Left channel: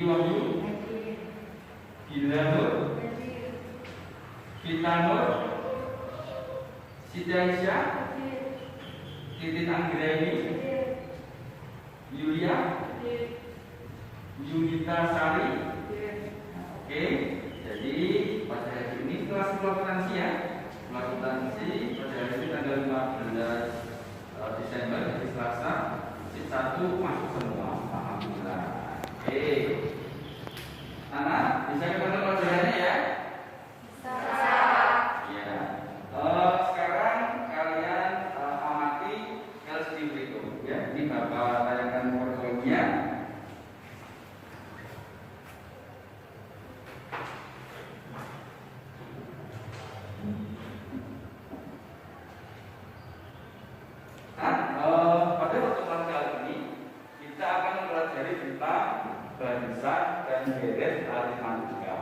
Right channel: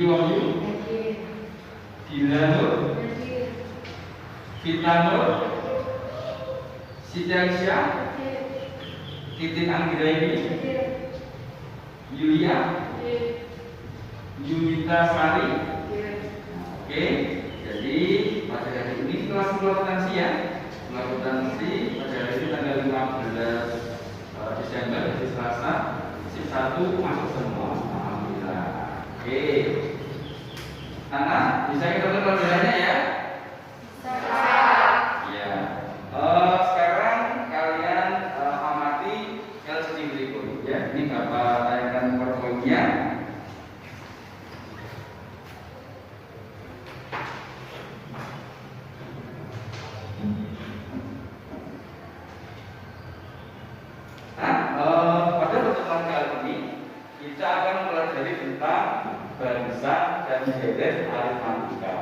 Wahyu, Gila Nur, Fitna Nur, Siti Aisyah, Titin Anggraini, Yulia, Yunita Sari. Oke, jadi pada hari ini kelas akuntansi ya, akuntansi pada hari ini tanggal 15 Desember hari Selasa, sip 1 masuk semua. Alhamdulillah. Oke. Nana, bisa kita tutup pelajarannya ya? Bisa. Ya. Sekarang kalian amati LCD berikut ya. Ini Bapak tayangkan PowerPoint-nya. Pada pertemuan kali ini kita akan mempelajari tentang barisan dan deret aritmatika.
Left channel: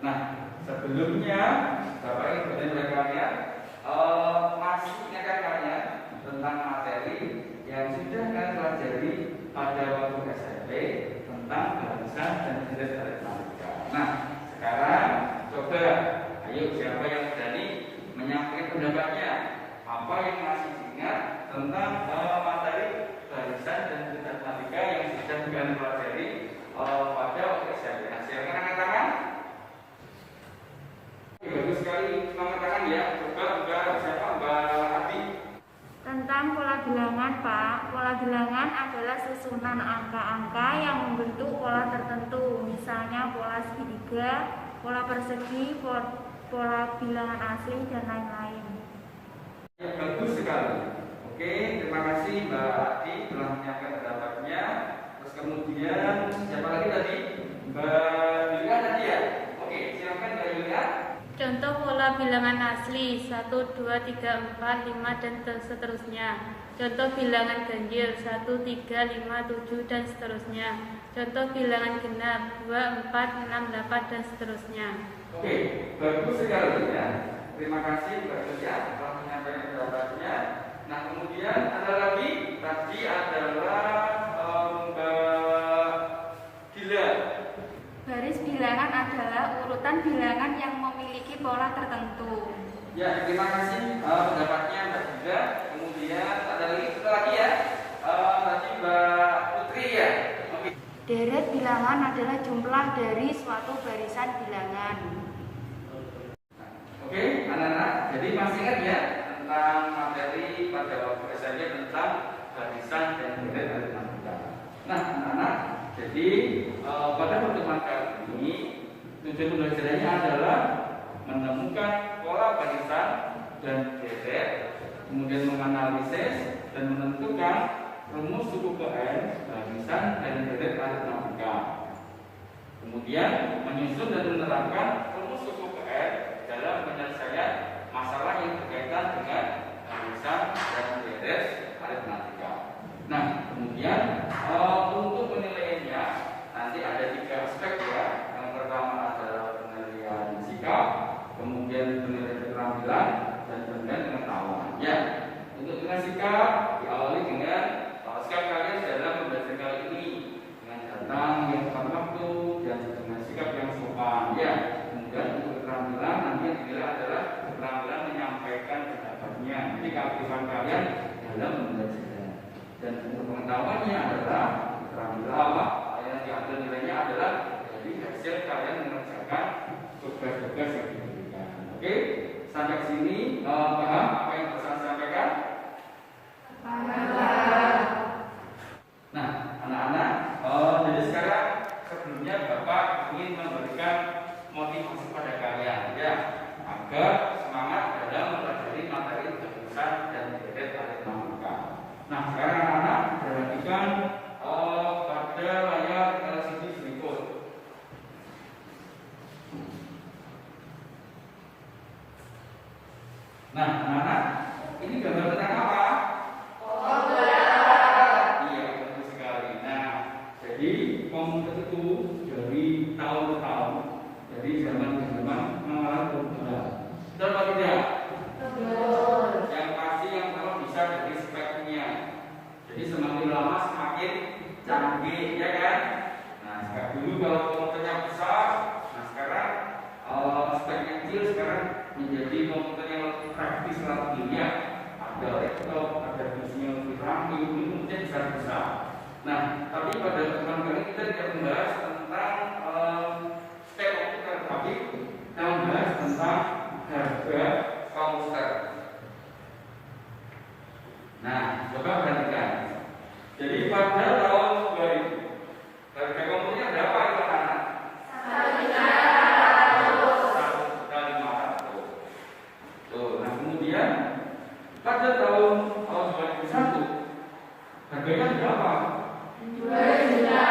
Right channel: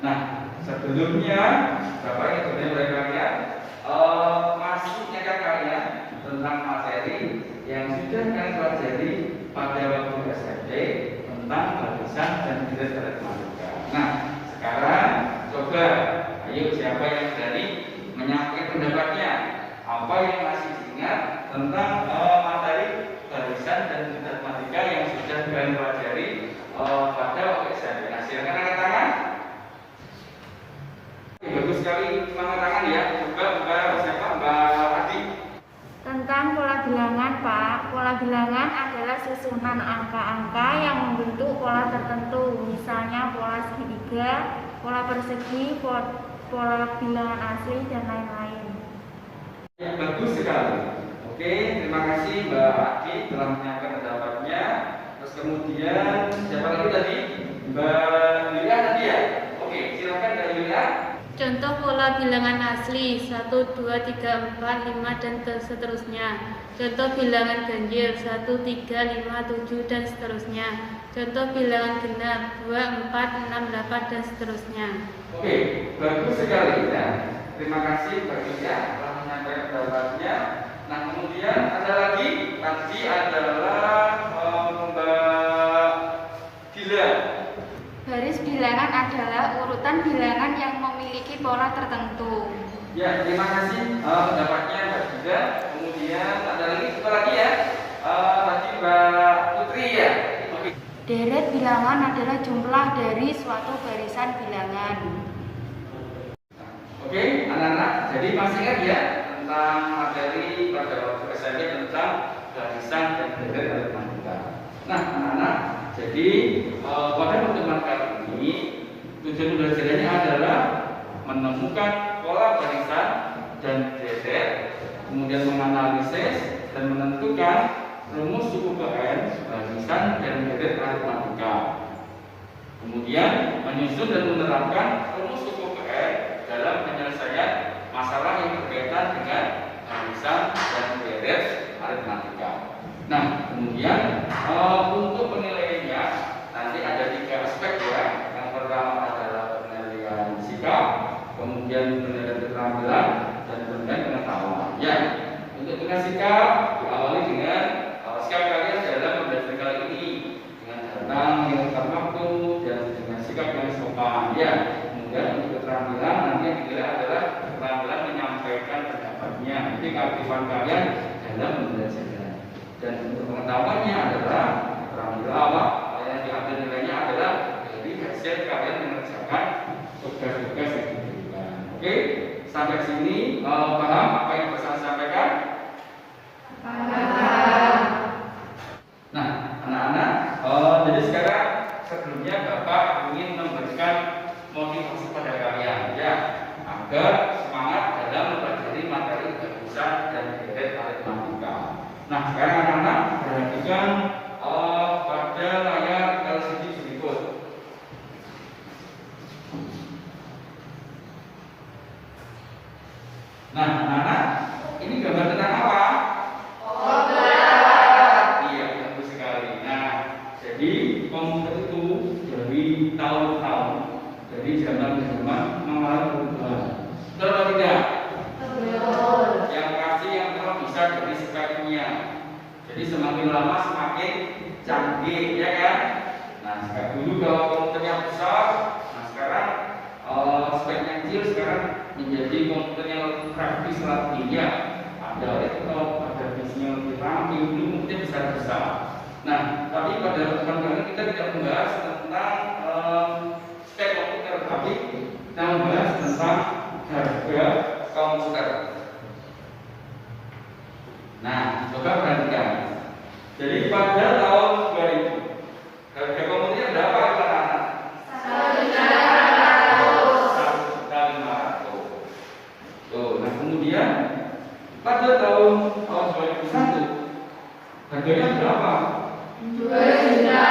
Nah, sebelumnya Bapak ingin bertanya kepada kalian, masih ingat kalian tentang materi yang sudah kalian pelajari pada waktu SMP tentang barisan dan deret aritmatika. Nah, sekarang coba, ayo siapa yang berani menyampaikan pendapatnya? Apa yang masih diingat tentang materi barisan dan deret aritmatika yang sudah kalian pelajari pada waktu SMP? Nah, silakan angkat tangan. Bagus sekali angkat tangan ya. Coba Mbak siapa? Mbak Adi. Tentang pola bilangan, Pak. Pola bilangan adalah susunan angka-angka yang membentuk pola tertentu. Misalnya pola segitiga, pola persegi, pola bilangan asli, dan lain-lain. Ya, bagus sekali. Oke, terima kasih Mbak Adi telah menyampaikan pendapatnya. Terus kemudian siapa lagi tadi? Mbak Yulia tadi ya? Oke, silakan Mbak Yulia. Contoh pola bilangan asli 1, 2, 3, 4, 5 dan seterusnya. Contoh bilangan ganjil 1, 3, 5, 7 dan seterusnya. Contoh bilangan genap 2, 4, 6, 8 dan seterusnya. Oke, bagus sekali ya. Terima kasih Mbak Yulia telah menyampaikan pendapatnya. Nah, kemudian ada lagi tadi adalah Mbak Gila. Baris bilangan adalah urutan bilangan yang memiliki pola tertentu. Ya, terima kasih pendapatnya Mbak Gila. Kemudian ada lagi apa lagi ya? Tadi Mbak Putri ya. Oke. Deret bilangan adalah jumlah dari suatu barisan bilangan. Oke, anak-anak. Jadi masih ingat ya tentang materi pada waktu SMP tentang barisan dan deret aritmatika. Nah, anak-anak. Jadi pada pertemuan kali ini tujuan pembelajarannya adalah menemukan pola barisan dan deret, kemudian menganalisis dan menentukan rumus suku KN barisan dan deret aritmatika. Kemudian menyusun dan menerapkan rumus suku KN dalam penyelesaian masalah yang berkaitan dengan barisan dan deret aritmatika. Nah, kemudian untuk penilaiannya nanti ada 3 aspek ya. Yang pertama adalah penilaian sikap, kemudian penilaian keterampilan, dan kemudian pengetahuan. Ya, untuk penilaian sikap diawali dengan sikap kalian dalam belajar kali ini dengan datang yang tepat waktu dan dengan sikap yang sopan. Ya, kemudian untuk keterampilan nanti yang dinilai adalah keterampilan menyampaikan pendapatnya. Jadi keaktifan kalian dalam belajar. Dan untuk pengetahuannya adalah keterampilan awal yang diambil nilainya adalah dari hasil kalian mengerjakan tugas-tugas yang diberikan. Oke, sampai sini paham apa yang saya sampaikan? Paham. Nah, anak-anak, jadi sekarang sebelumnya Bapak ingin memberikan motivasi pada kalian ya, agar semangat dalam mempelajari materi barisan dan deret aritmatika. Nah, sekarang anak-anak perhatikan pada layar LCD berikut. Nah, anak-anak, ini gambar tentang apa? Iya, bagus sekali. Nah, jadi komputer itu dari tahun ke tahun, dari zaman ke zaman mengalami perubahan. Betul atau tidak? Betul. Yang pasti yang pertama bisa dari speknya. Jadi semakin lama semakin canggih, ya kan? Nah, dulu kalau komputernya besar, nah sekarang speknya kecil, sekarang menjadi komputer yang lebih praktis latihnya. Ada laptop, ada PC-nya lebih rapi, dulu komputernya besar-besar. Nah, tapi pada pertemuan kali ini kita tidak membahas tentang spek komputer, tapi kita membahas tentang harga komputer. Nah, coba perhatikan. Jadi pada tahun 2000 harga komputernya berapa anak-anak? 1.500. Tuh, nah kemudian pada tahun 2001 harganya berapa? 2 juta.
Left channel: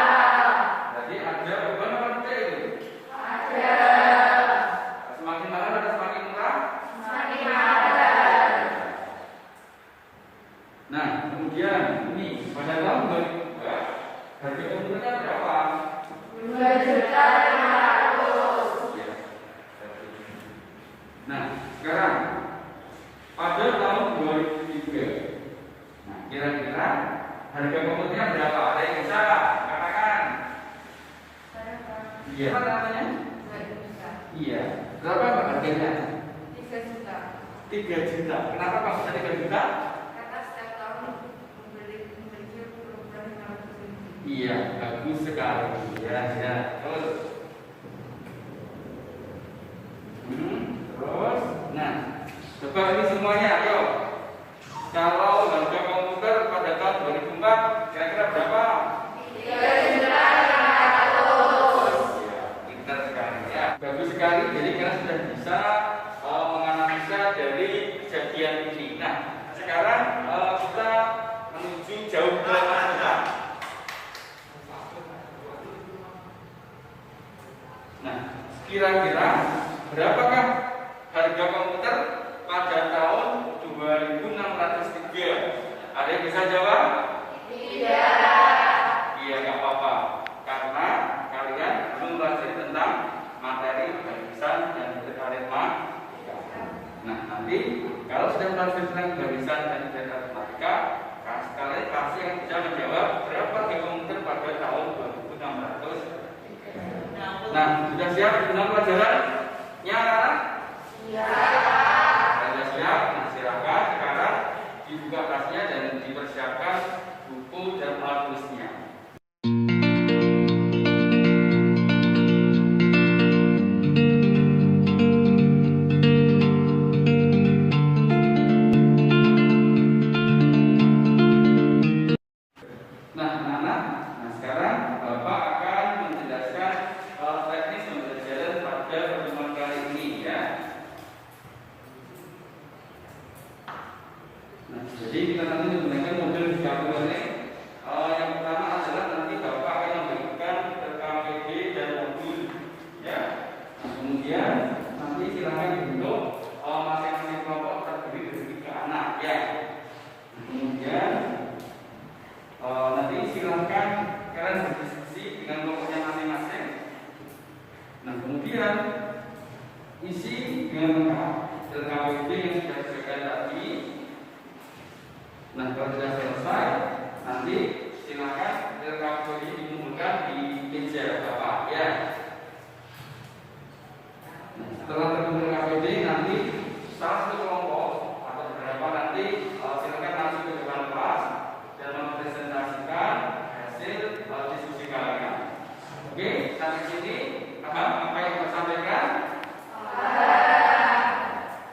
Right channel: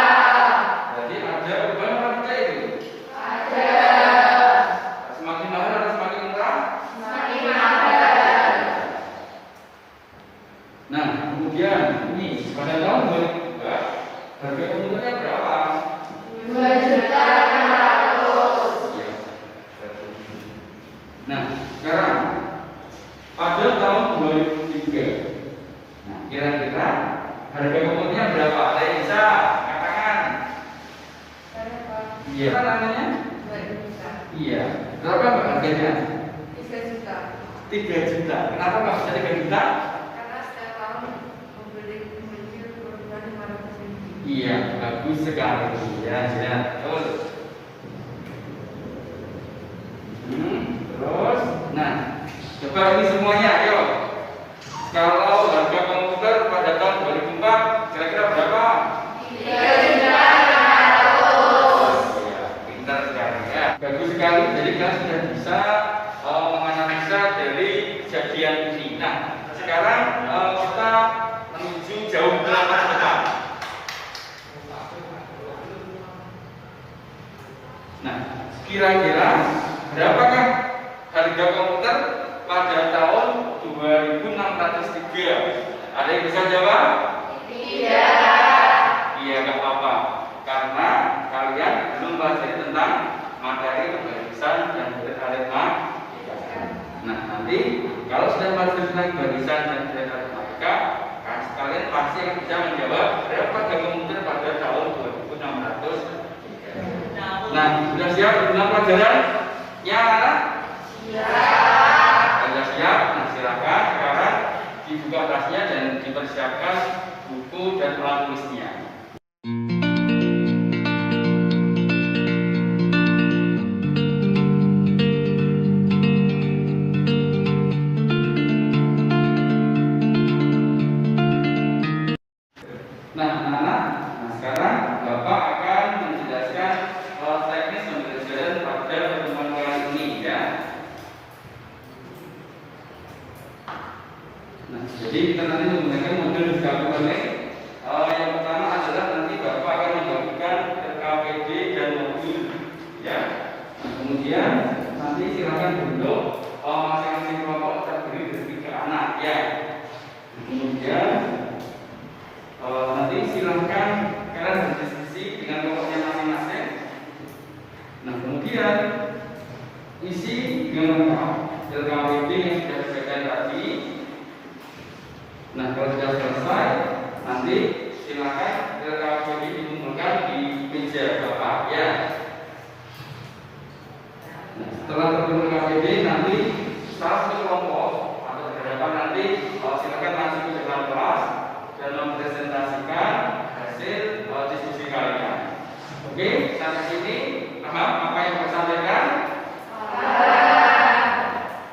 Jadi ada perubahan apa tidak itu? Ada. Semakin mahal atau semakin murah? Semakin mahal. Nah, kemudian ini pada tahun 2002 harga komputernya berapa? 2 juta 500. Ya. Nah, sekarang pada tahun 2003, nah kira-kira harga komputernya berapa? Ada yang bisa katakan? Iya. Apa namanya? 2 juta. Iya. Berapa Mbak harganya? 3 juta. 3 juta. Kenapa maksudnya 3 juta? Karena setiap tahun membeli perubahan 500.000. Iya, bagus sekali. Ya, ya, betul. Terus, nah, coba ini semuanya, ayo. Kalau harga komputer pada tahun 2004 kira-kira berapa? 3 juta 500. Ya, pintar sekali ya. Bagus sekali. Jadi kalian sudah bisa menganalisa dari kejadian ini. Nah, sekarang kita menuju jauh ke masa depan. Nah, kira-kira berapakah harga komputer pada tahun 2603? Ada yang bisa jawab? Tidak. Iya, nggak apa-apa. Karena kalian belum belajar tentang materi barisan dan aritmatika. Nah, nanti kalau sudah belajar tentang barisan dan aritmatika, kalian pasti akan bisa menjawab berapa harga komputer pada tahun 2603. Nah, sudah siap dengan pelajarannya? Siap. Sudah siap? Nah, silakan sekarang dibuka tasnya dan dipersiapkan buku dan alat tulisnya. Nah, anak-anak, nah sekarang Bapak akan menjelaskan teknis pembelajaran pada pertemuan kali ini ya. Nah, jadi kita nanti menggunakan modul gabungan. Yang pertama adalah nanti Bapak akan membagikan KPD dan modul ya. Nah, kemudian nanti silakan bentuk masing-masing kelompok terdiri dari 3 anak ya. Nah, kemudian nanti silakan kalian berdiskusi dengan kelompoknya masing-masing. Nah, kemudian isi dengan lengkap LKWD yang sudah disediakan tadi. Nah, kalau sudah selesai, nanti silakan LKWD dikumpulkan di meja Bapak ya. Nah, setelah terkumpul LKWD nanti salah satu kelompok atau beberapa nanti silakan masuk ke depan kelas dan mempresentasikan hasil diskusi kalian. Oke, sampai sini paham apa yang saya sampaikan?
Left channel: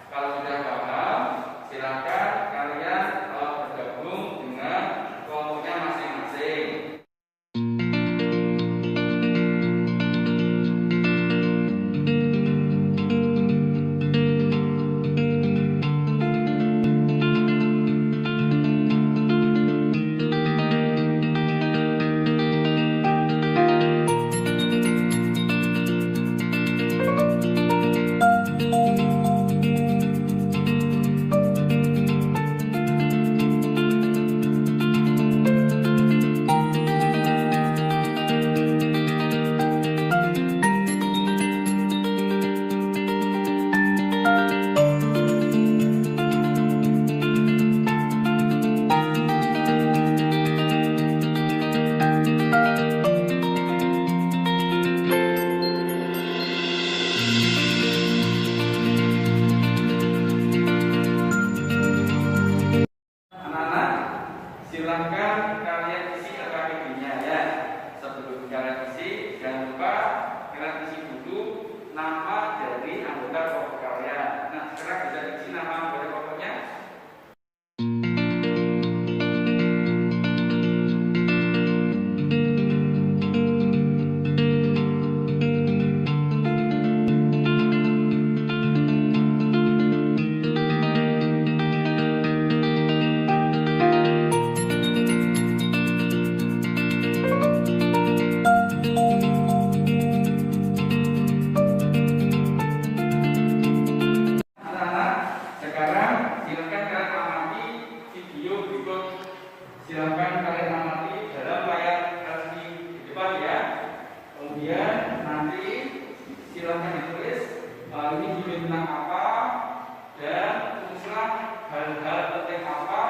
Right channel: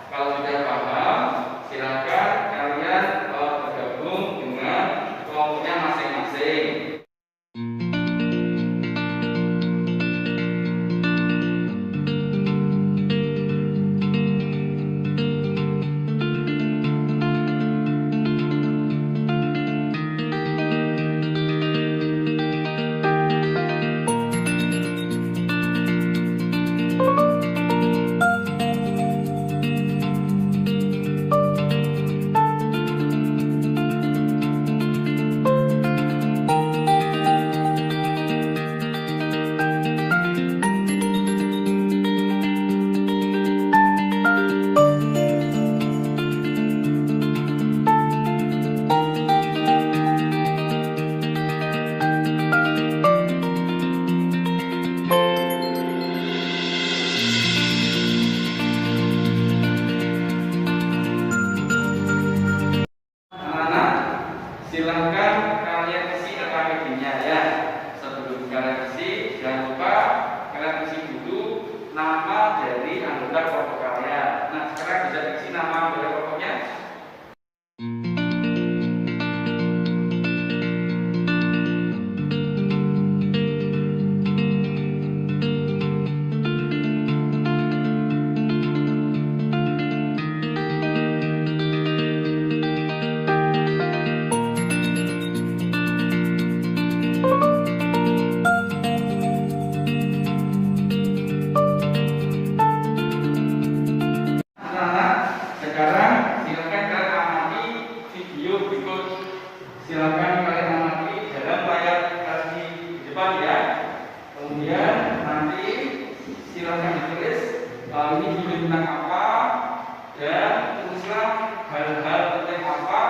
Kalau sudah paham, silakan kalian bergabung dengan kelompoknya masing-masing. silahkan ditulis ini video tentang apa dan tulislah hal-hal penting apa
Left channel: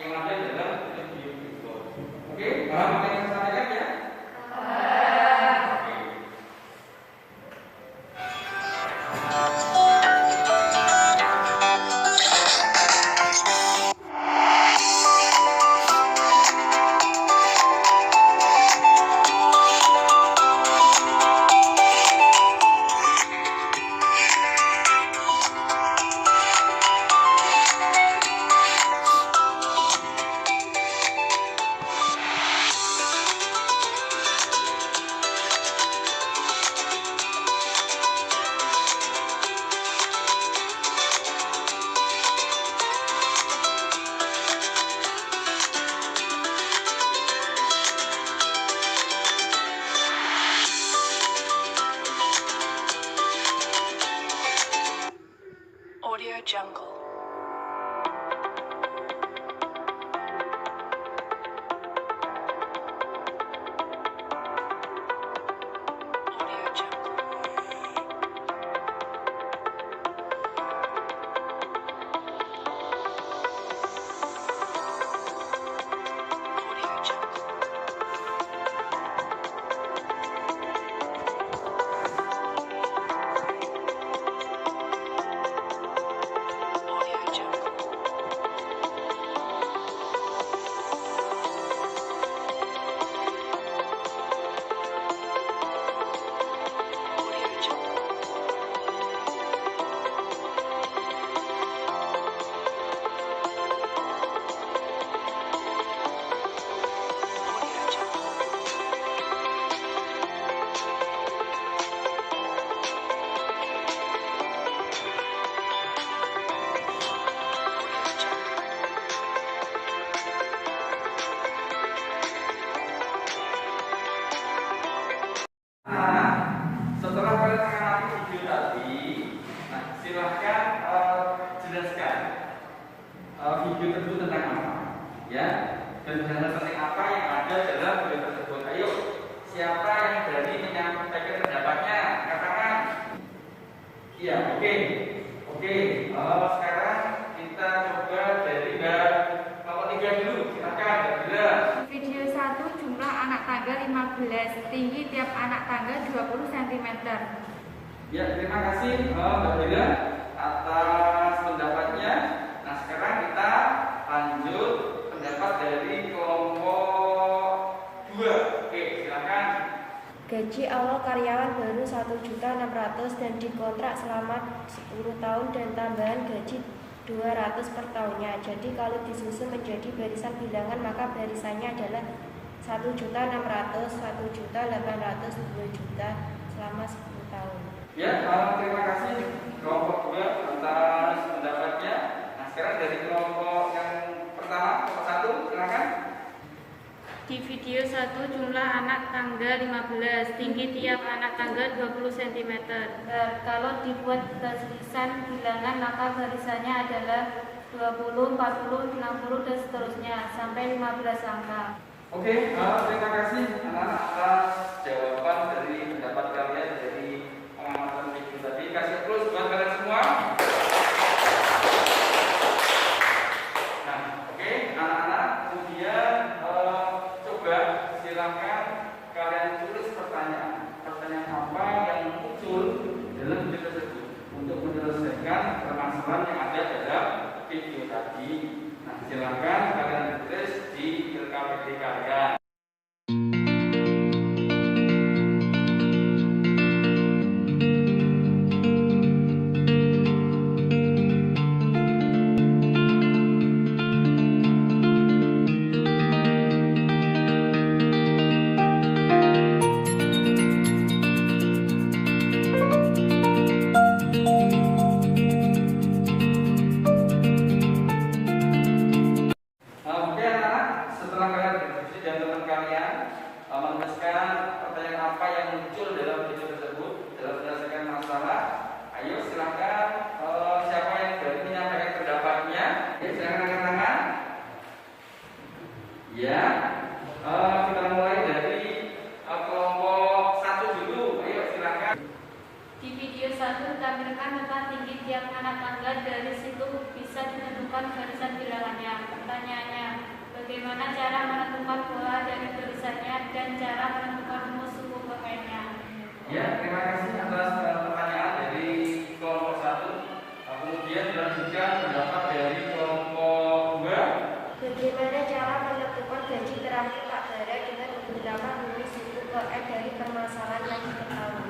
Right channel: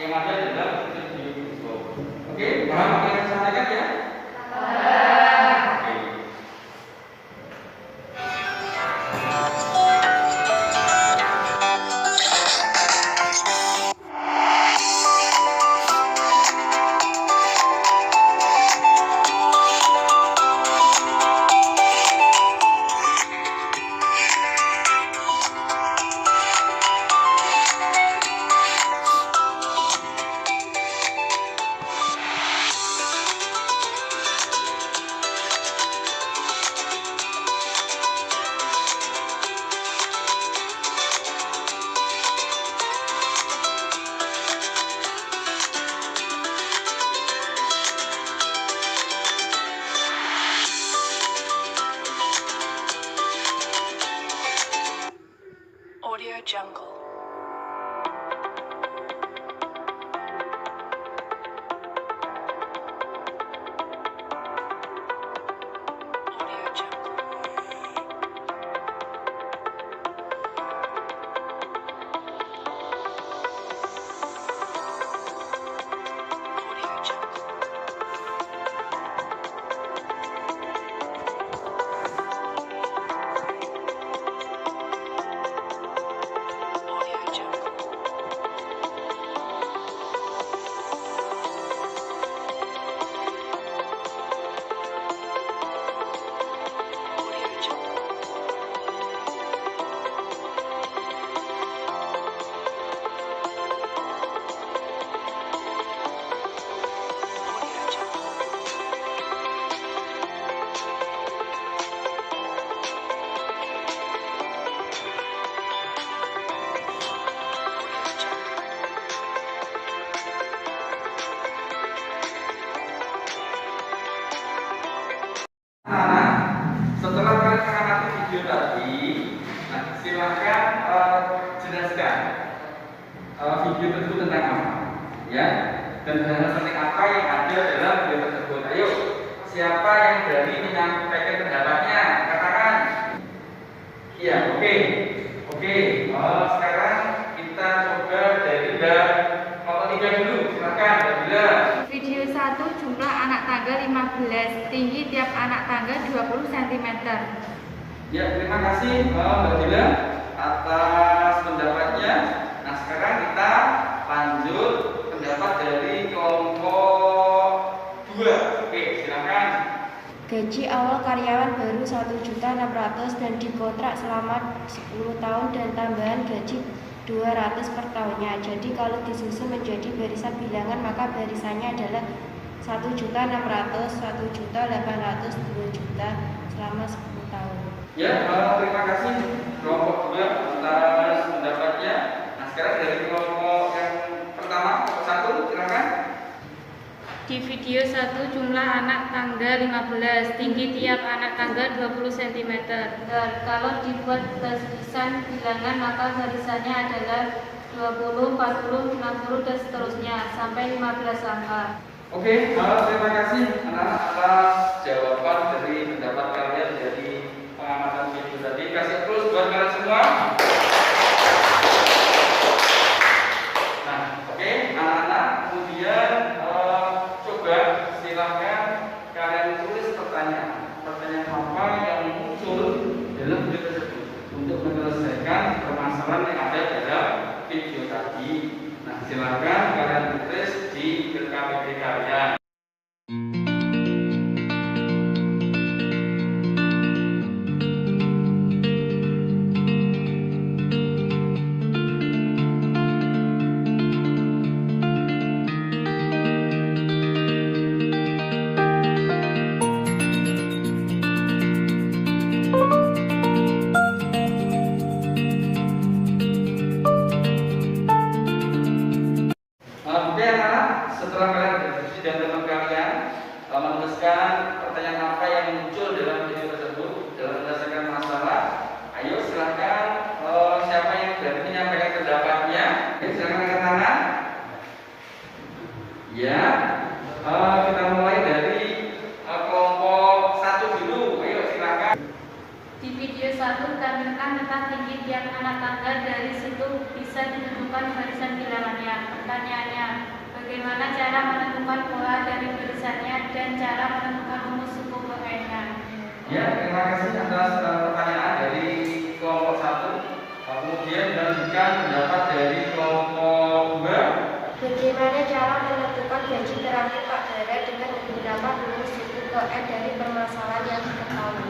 yang ada dalam video itu. Oke, paham apa yang saya sampaikan ya? Oke. Audio Jungle. Audio Jungle. Audio Jungle. Audio Jungle. Audio Jungle. Audio Jungle. Audio Jungle. Nah, setelah kalian mengamati video tadi, nah, silahkan jelaskan video tersebut tentang apa, ya, dan hal penting apa yang ada dalam video tersebut. Ayo, siapa yang berani menyampaikan pendapatnya? Katakan. Iya, oke. Sekarang kita coba dari nomor 3 dulu. Silakan, Bila. Video 1 jumlah anak tangga 15, tinggi tiap anak tangga 20 cm. Ya, terima kasih Mbak Dila atas pendapatnya. Nah, sekarang kita lanjut pendapat dari kelompok 2. Oke, silakan. Gaji awal karyawan baru 1.600.000 dan dikontrak selama 10 tahun dan tambahan gaji 200 per tahunnya. Jadi kalau disusun menjadi barisan bilangan maka barisannya adalah 1.600.000, 1.800.000, 2 juta selama 10 tahun. Ya, terima kasih kelompok 2 atas pendapatnya. Nah, sekarang dari kelompok yang pertama, kelompok 1, silakan. Di video 1 jumlah anak tangga 15, tinggi tiap anak tangga 20 cm. Kalau dibuat barisan bilangan maka barisannya adalah 20, 40, 60 dan seterusnya sampai 15 angka. Oke, terima kasih anak-anak atas jawaban dari pendapat kalian dari pengamatan video tadi. Kasih terus buat kalian semua. Nah, oke, anak-anak, kemudian coba silakan kalian tulis pertanyaan apa yang muncul dalam video tersebut untuk menyelesaikan permasalahan yang ada dalam video tadi. Nah, silakan kalian tulis di KPD kalian. Oke anak-anak, setelah kalian berdiskusi dan teman kalian menuliskan pertanyaan apa yang muncul dalam video tersebut dalam menyelesaikan masalah, ayo silakan siapa yang berani menyampaikan pendapatnya, ya, silakan angkat tangan. Ya, kita mulai dari kelompok 1 dulu, ayo silakan. Di video 1 ditampilkan tentang tinggi tiap anak tangga, dari situ bisa ditentukan barisan bilangannya. Pertanyaannya, bagaimana cara menentukan pola dari barisannya dan cara menentukan rumus suku pokoknya? Ya, terima kasih atas pertanyaan dari kelompok 1. Kemudian melanjutkan pendapat dari kelompok 2. Bagaimana cara menentukan gaji terakhir Pak Bara dengan menggunakan rumus suku ke N dari permasalahan yang diketahui?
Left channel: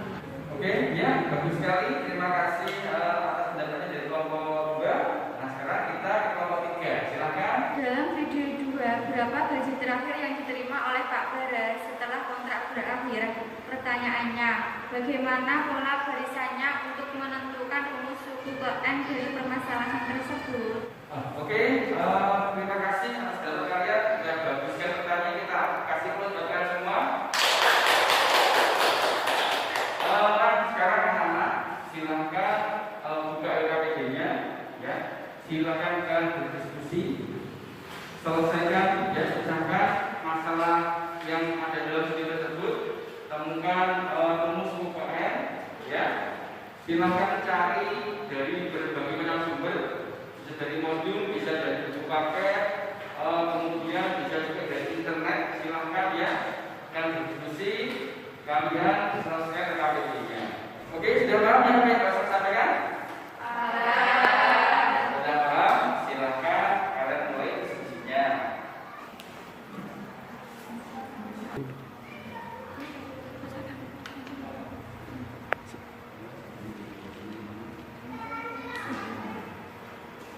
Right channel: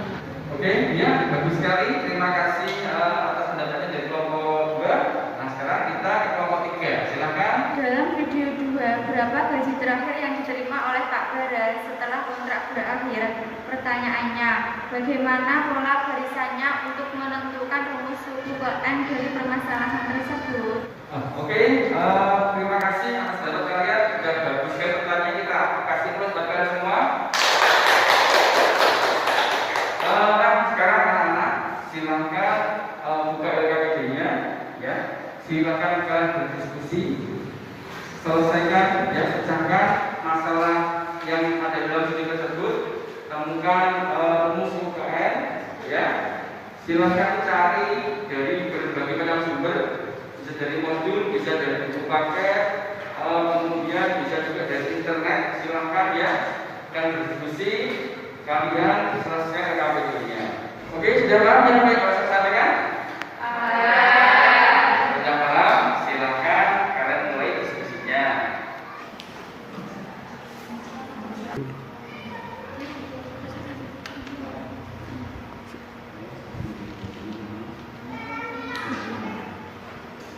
Oke, ya, bagus sekali. Terima kasih atas pendapatnya dari kelompok 2. Nah, sekarang kita ke kelompok 3. Silakan. Dalam video 2, berapa gaji terakhir yang diterima oleh Pak Bara setelah kontrak berakhir? Pertanyaannya, bagaimana pola barisannya untuk menentukan rumus suku ke N dari permasalahan tersebut? Oke, terima kasih atas data kalian. Sudah bagus sekali pertanyaan kita. Kasih plus buat kalian semua. Nah, sekarang anak-anak silakan buka LKPD-nya, ya. Silakan kalian berdiskusi, selesaikan, ya, pecahkan masalah yang ada dalam studi tersebut, temukan rumus UKN, ya. Silakan cari dari berbagai macam sumber, bisa dari modul, bisa dari buku paket, kemudian bisa juga dari internet. Silakan, ya, kalian berdiskusi, kalian selesaikan LKPD-nya. Oke, sudah paham yang saya sampaikan? Sudah paham? Silakan kalian mulai diskusinya.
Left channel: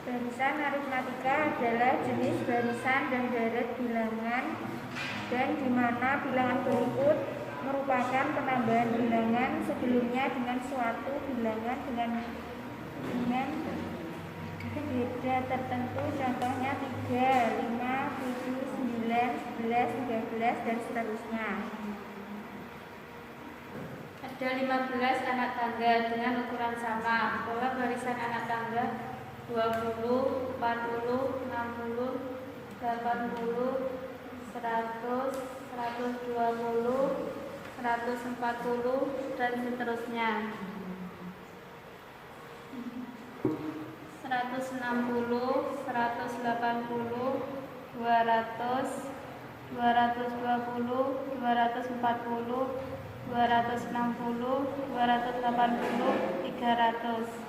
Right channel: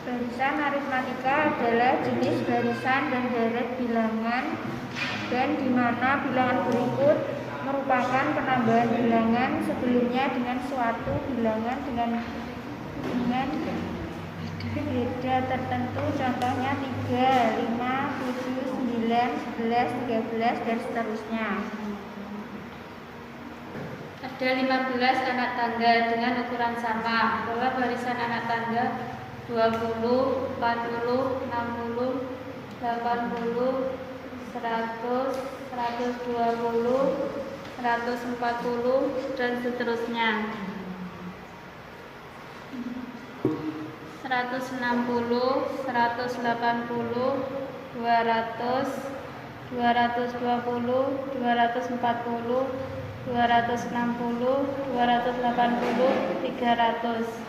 Barisan aritmatika adalah jenis barisan dan deret bilangan, dan di mana bilangan berikut merupakan penambahan bilangan sebelumnya dengan suatu bilangan dengan beda tertentu, contohnya 3, 5, 7, 9, 11, 13, dan seterusnya. Ada 15 anak tangga dengan ukuran sama. Pola barisan anak tangga 20, 40, 60, 80, 100, 120, 140, dan seterusnya. 160, 180, 200, 220, 240, 260, 280, 300.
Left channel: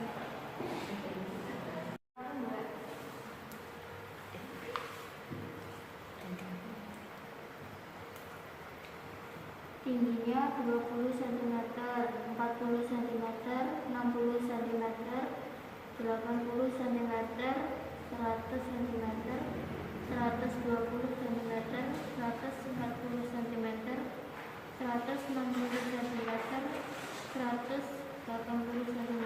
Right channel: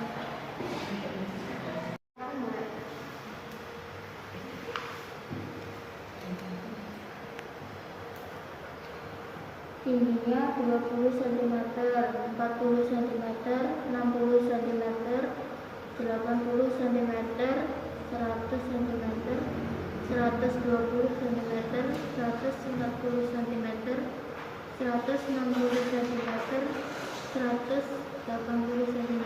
Tingginya 20 cm, 40 cm, 60 cm, 80 cm, 100 cm, 120 cm, 140 cm, 160 cm, 180 cm,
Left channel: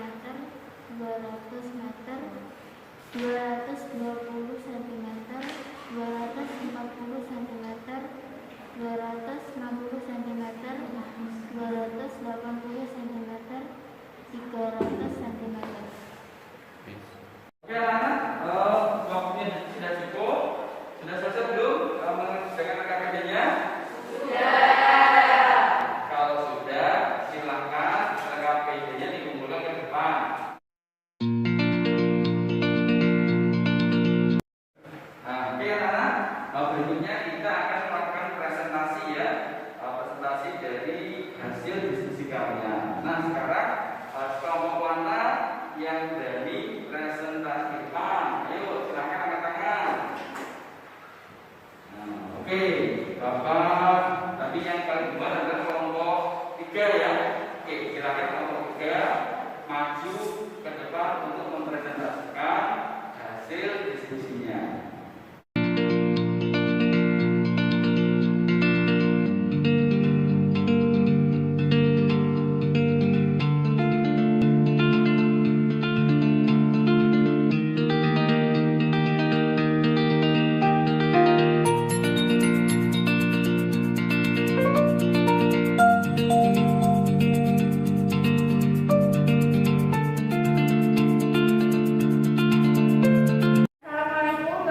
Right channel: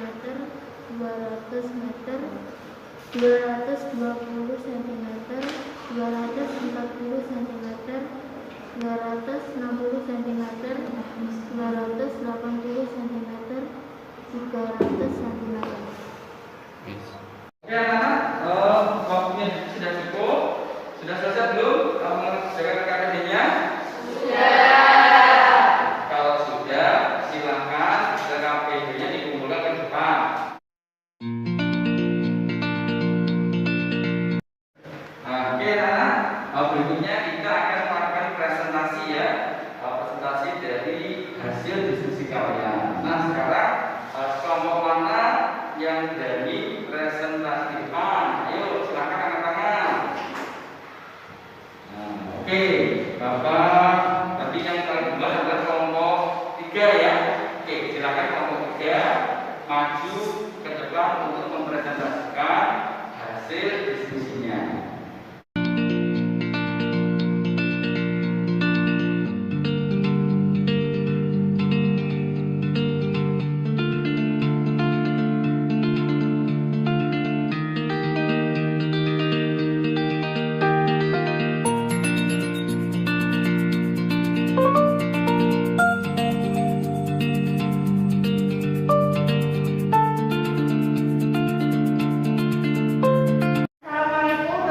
200 meter, 220 cm, 240 cm, 260 cm, 280 cm, 300 cm. Oke anak-anak, waktunya sudah cukup. Sudah selesai belum? Kamu mengerjakan LKPD-nya? Sudah. Kalau sudah, silakan LKPD-nya dikumpulkan ke depan. Nah, oke anak-anak, berikutnya kita akan melakukan presentasi, ya, presentasi dari hasil diskusi kalian. Nah, sekarang kelompok mana yang dari presentasi depan? Ayo, silakan angkat tangan. Nah, oke, Bapak, tadi yang kedua adalah kelompok 3, ya. Oke, silakan kelompok 3 maju ke depan untuk mempresentasikan hasil diskusinya. Assalamualaikum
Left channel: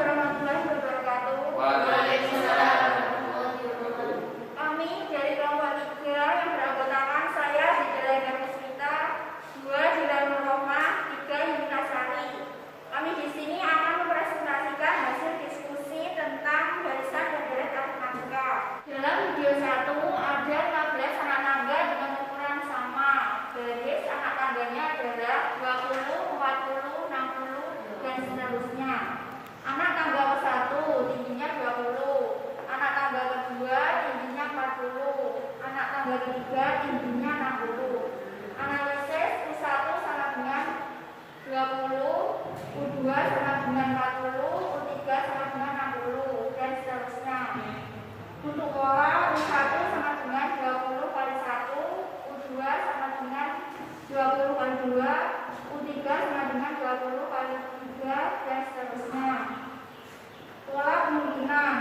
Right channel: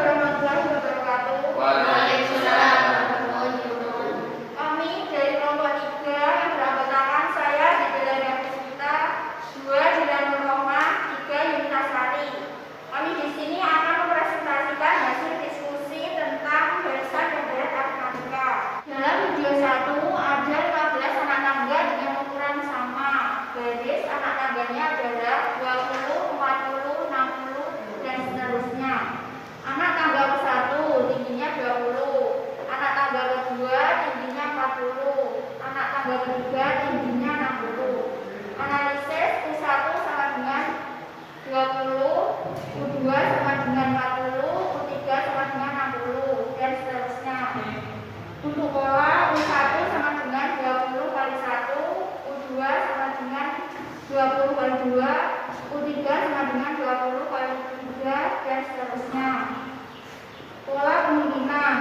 anak tangganya adalah 20, 40, 60, dan seterusnya. Anak tangga ke-1 tingginya 20, anak tangga kedua tingginya 40, anak tangga ketiga tingginya 60. Analisis U1 sama dengan 20, U2 sama dengan 40, U3 sama dengan 60, dan seterusnya. Untuk pola U1 sama dengan 20 kali 1, U2 sama dengan 20 kali 2, U3 sama dengan 20 kali 3, dan seterusnya. Pola kemungkinan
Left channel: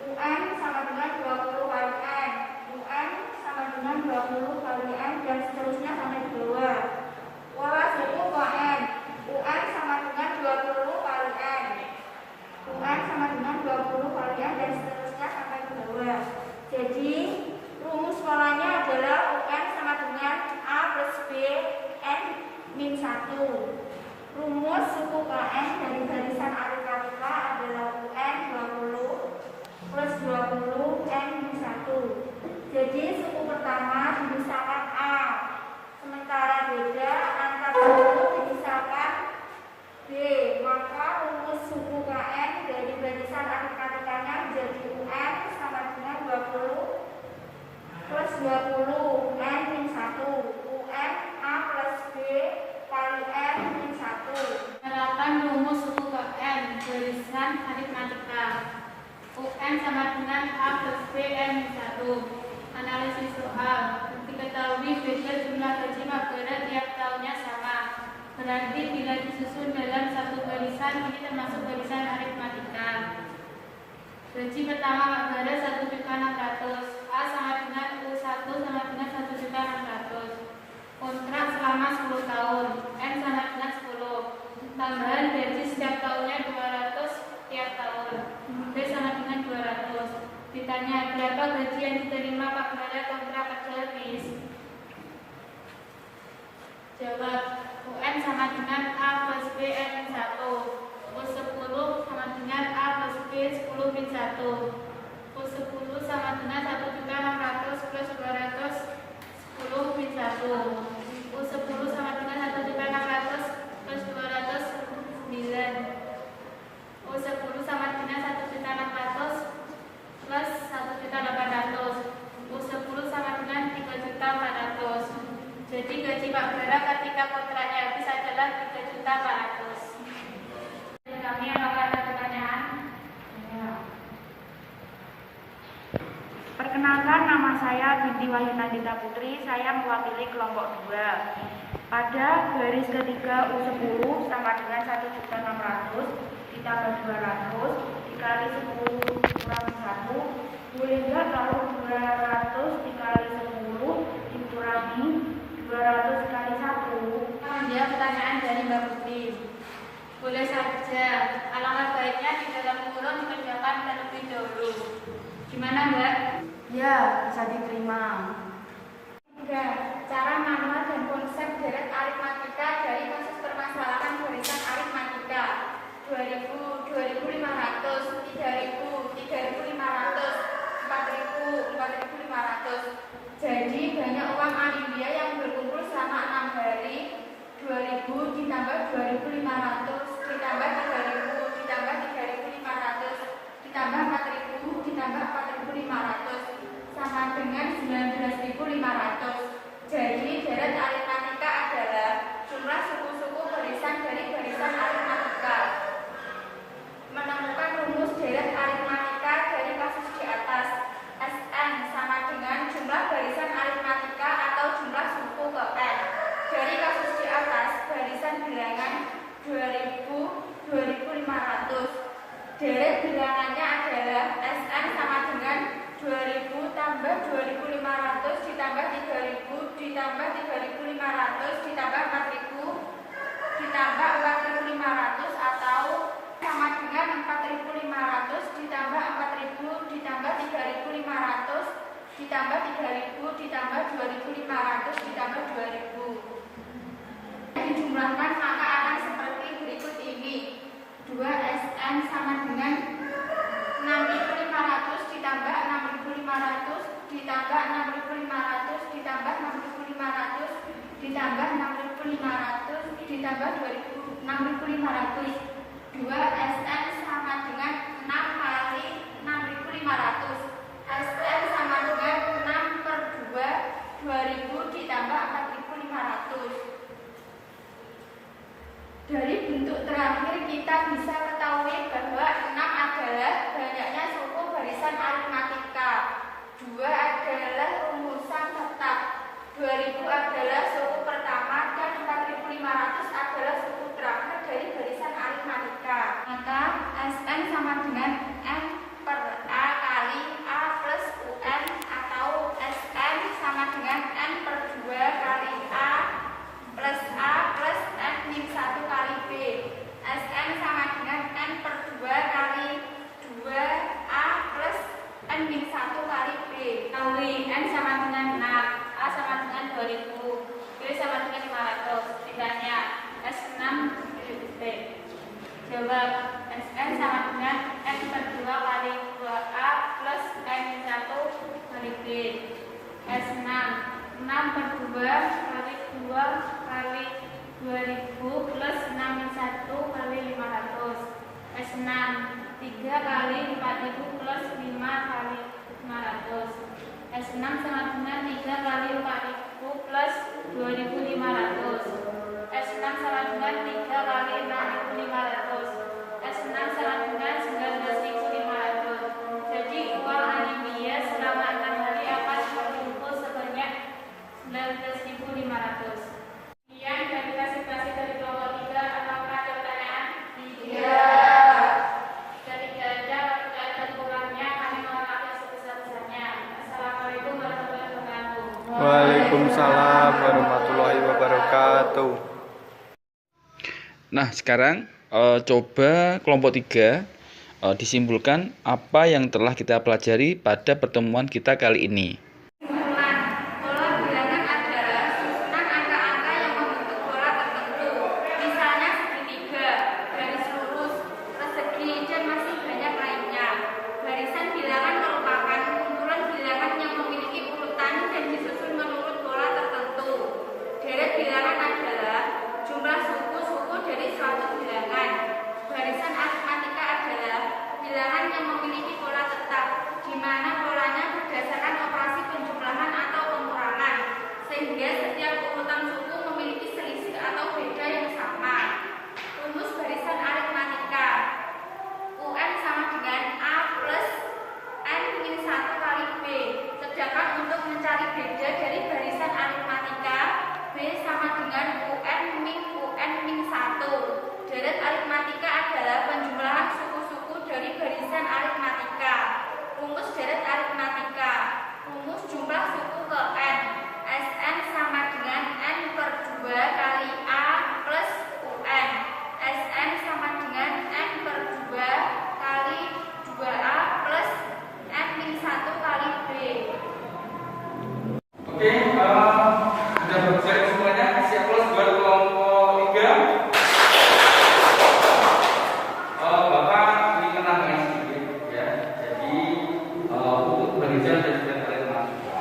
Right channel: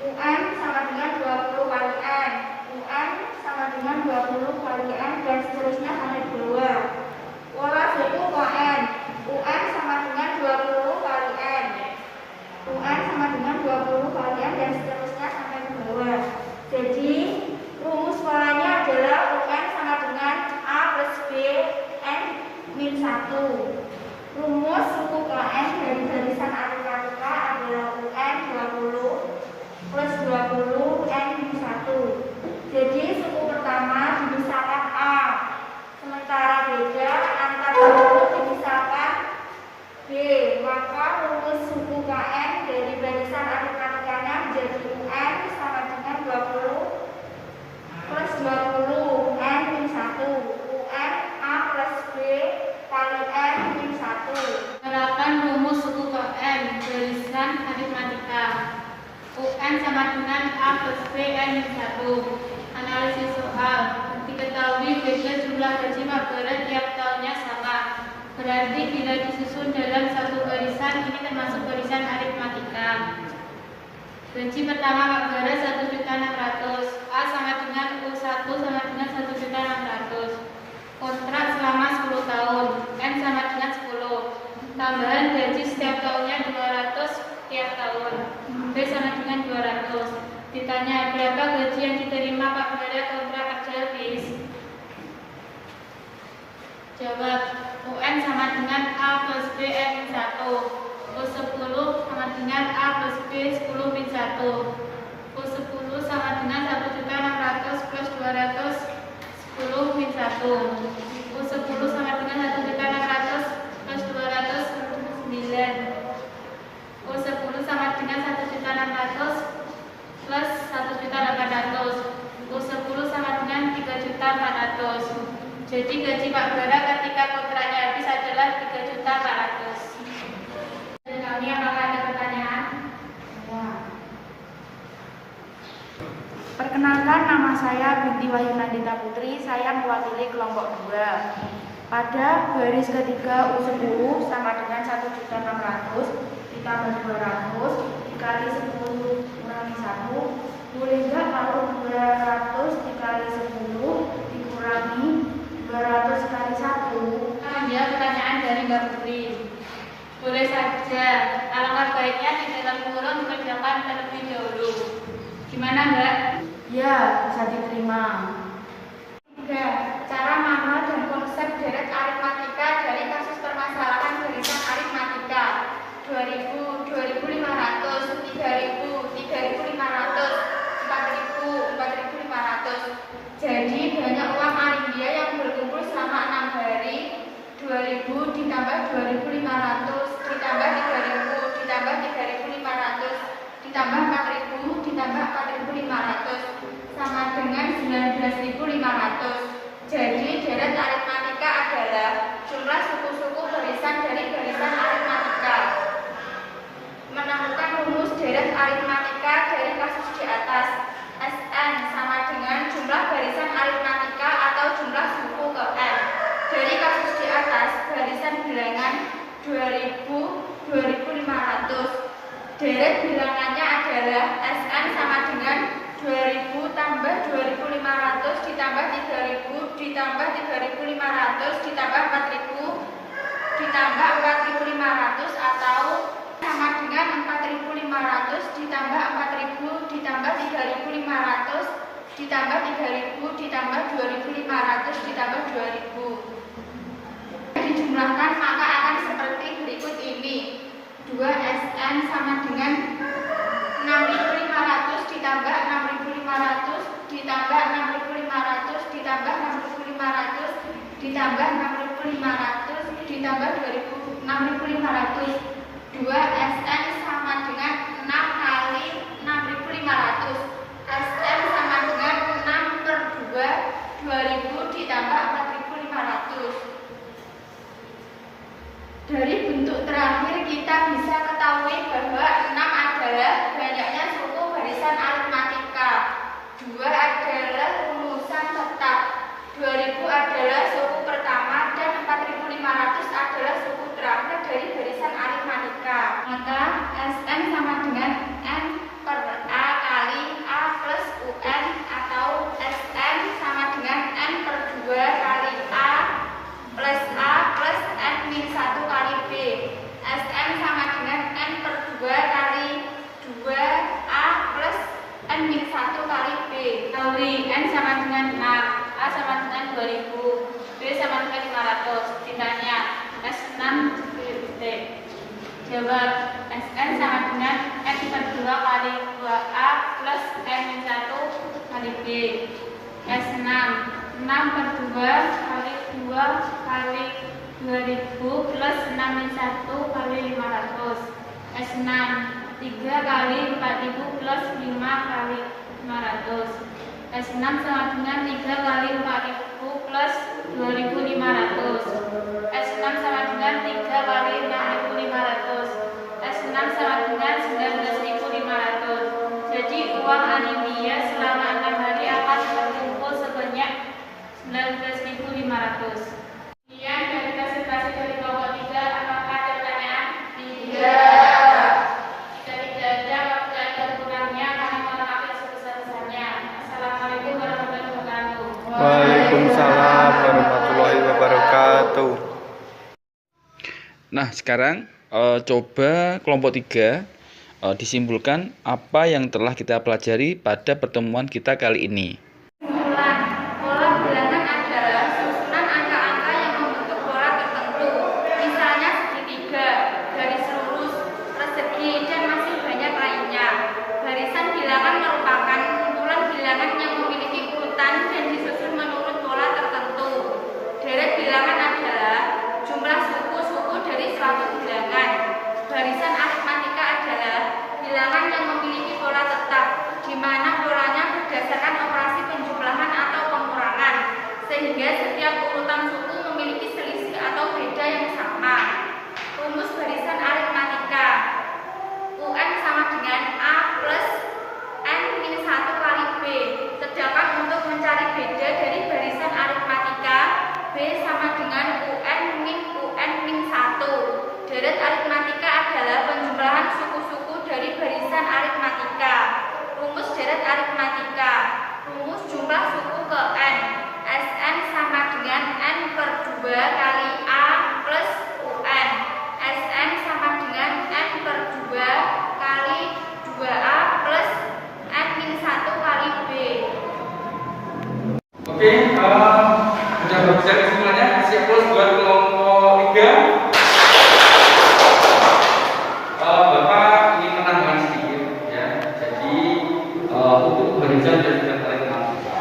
UN sama dengan 20 kali N, UN sama dengan 20 kali N, dan seterusnya sampai ke bawah. Pola suku KN, UN sama dengan 20 kali N, UN sama dengan 20 kali N, dan seterusnya sampai ke bawah. Jadi rumus polanya adalah UN sama dengan A plus B N min 1. Rumus suku KN dari barisan aritmatika adalah UN 20 plus 20 N min 1. Jadi suku pertama dimisahkan A, sementara beda antar suku dimisahkan B. Maka rumus suku KN dari barisan aritmatikanya menjadi UN sama dengan 20 plus 20 N min 1. UN A plus B kali N min 1. Menerapkan rumus suku KN barisan aritmatika. UN sama dengan A plus B N min 1. Analisis soal. Diketahui beda jumlah gaji Magelang tiap tahunnya sama. Berarti bila disusun dalam satu barisan, ini termasuk barisan aritmatika. Gaji pertama Magelang 1.600.000, A sama dengan U1 sama dengan 1.600.000. Kontrak selama 10 tahun, M sama dengan 10. Tambahan gaji setiap tahunnya 200 tiap tahun, B sama dengan 200. Ditanya berapa gaji yang diterima Pak pada kontrak kerja habis? Jawab, UN sama dengan A plus B N min 1, U10 sama dengan A plus B 10 min 1, U10 sama dengan 1.600.000 plus 200 10 min 1, U10 sama dengan 1.600.000 plus 200 9, U10 sama dengan 1.600.000 plus 1.800.000, U10 sama dengan 3.400.000. Jadi gaji Pak Bara ketika kontraknya habis adalah 3.400.000. Dan kami apakah ada pertanyaan? Ya. Perkenalkan, nama saya Binti Wahyu Nandita Putri, saya mewakili kelompok 2. Pada baris ketiga U10 sama dengan 1.600.000 ditambah 200 dikali 10 kurangi 1, boleh enggak kalau 200 dikali 10 dikurangi 200 kali 1? Menjawab pertanyaan dari Mbak Putri. Boleh saja, alangkah baiknya di dalam kurung dikerjakan terlebih dahulu. Gimana Mbak? Ya, bisa diterima. 3. Cara manual dan konsep deret aritmatika dari kasus permasalahan barisan aritmatika 2000, 2500, 3000, 3500, 4000, 4500. Jadi banyak uang Arindia yang berkumpul selama 6 hari. 2000 ditambah 2500 ditambah 3000 ditambah 3500 ditambah 4000 ditambah 4500 sama dengan 19500. Jadi deret aritmatika adalah jumlah suku-suku barisan dari barisan aritmatika. Menemukan rumus deret aritmatika dari kasus di atas. Sn sama dengan jumlah barisan aritmatika atau jumlah suku ke N. Dari kasus di atas, barisan bilangan 2000, 2500. Deret bilangannya adalah Sn sama dengan 2000 tambah 2500 ditambah 3000 ditambah 3500 ditambah 4000 ditambah 4500 atau sama dengan 4500 ditambah 4000 ditambah 3500 ditambah 3000 ditambah 2500 ditambah 2000. Dijumlahkan maka akan seperti berikut ini. 2 Sn sama dengan 6500 ditambah 6500 ditambah 6500 ditambah 6500 ditambah 6.500 ditambah 6.500. 2 SN sama dengan 6 kali 6.500. SN sama dengan 6 per 2, 2.000 ditambah 4.500. Dari bentuk terakhir kita bisa ketahui bahwa 6 adalah banyaknya suku barisan aritmatika, 2 adalah rumusan tetap, 2.000 adalah suku pertama, dan 4.500 adalah suku terakhir dari barisan aritmatika. Maka SN sama dengan N per A kali A plus UN, atau SN sama dengan N per 2 kali A plus N min 1 kali B. SN sama dengan N per 2 kali 2A plus N min 1 kali B. Kali N sama dengan 6, A sama dengan 2000, B sama dengan 500. Ditanya S6 B. Jawab, SN sama dengan N per 2 kali 2A plus N min 1 kali B. S6 6 per 2 kali 2 kali 2000 plus 6 min 1 kali 500. S6 3 kali 4000 plus 5 kali 500. S6 sama dengan 3 kali 4000 plus 2500. S6 sama dengan 3 kali 6500. S6 sama dengan 19500. Jadi uang anemia selama 6 hari akan terkumpul sebanyak 19.500. Sekian dari presentasi dari kelompok 3. Apakah ada pertanyaan? Tidak. Jika tidak ada, apabila ada kurangnya, kami mohon maaf yang sebesar-besarnya. Assalamualaikum warahmatullahi wabarakatuh. Waalaikumsalam warahmatullahi wabarakatuh. Nah, sekarang coba kelompok 3 disimpulkan apa yang telah kita pelajari pada pertemuan kita kali ini. Kesimpulan, pola bilangan adalah susunan angka-angka yang membentuk pola tertentu, misalnya segitiga, garis lurus, persegi, dan masih banyak lainnya. Barisan bilangan merupakan kumpulan bilangan yang memiliki urutan dan disusun menurut pola tertentu. Deret bilangan adalah jumlah suku-suku dari suatu bilangan. Barisan aritmatika adalah bilangan yang memiliki pola tetap, di mana polanya berdasarkan operasi penjumlahan atau pengurangan, sehingga setiap urutan suku memiliki selisih atau beda yang sama. Rumus barisan aritmatika: UN sama dengan A plus N min 1 kali B. Sedangkan untuk mencari beda dari barisan aritmatika, B sama dengan UN min 1. Deret aritmatika adalah penjumlahan suku-suku dari barisan aritmatika. Rumus deret aritmatika: rumus jumlah suku ke N. SN sama dengan N per 2 kali A plus UN. SN sama dengan N per 2 kali 2A plus N min 1 kali B. Oke, sudah bagus kesimpulannya. Siap plus buat kelompok 3. Bapak ingin menambahkan sedikit, ya. Jadi untuk barisan dan juga aritmatika,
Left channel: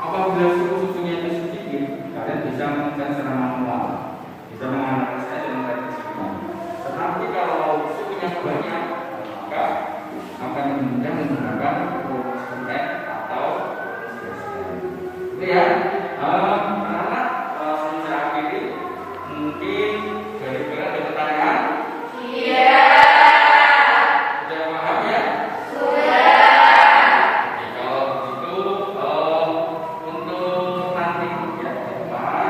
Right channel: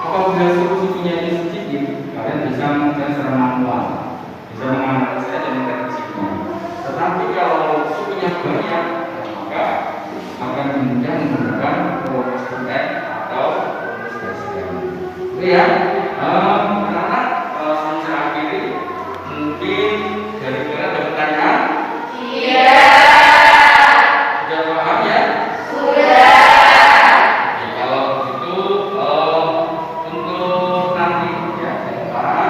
apabila suku-sukunya ini sedikit, kalian bisa mengerjakan secara manual, bisa menganalisis dan memprediksi. Tetapi kalau sukunya banyak, maka akan mudah menggunakan rumus kontek atau rumus barisan. Itu ya, anak-anak sebelum saya akhiri, mungkin dari kalian ada pertanyaan? Iya. Sudah paham ya? Sudah. Oke, kalau begitu untuk nanti ya, Pak,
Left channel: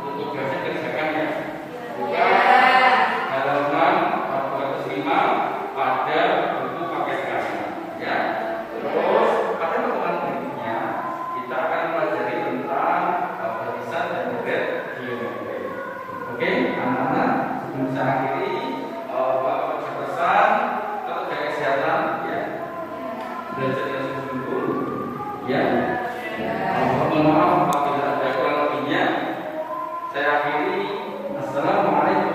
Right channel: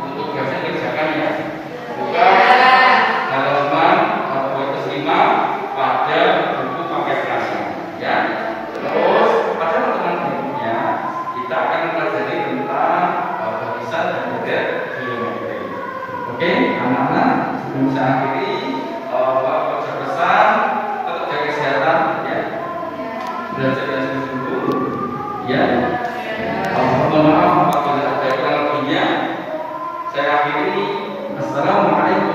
untuk tugasnya kerjakan ya. Buka halaman 25 pada buku paket kalian ya. Terus pada pertemuan berikutnya kita akan mempelajari tentang barisan dan deret geometri. Oke, anak-anak, sebelum saya akhiri, Bapak pesan tetap jaga kesehatan ya. Belajar dan sungguh-sungguh ya. Mohon maaf apabila ada kurang lebihnya. Saya akhiri. Assalamualaikum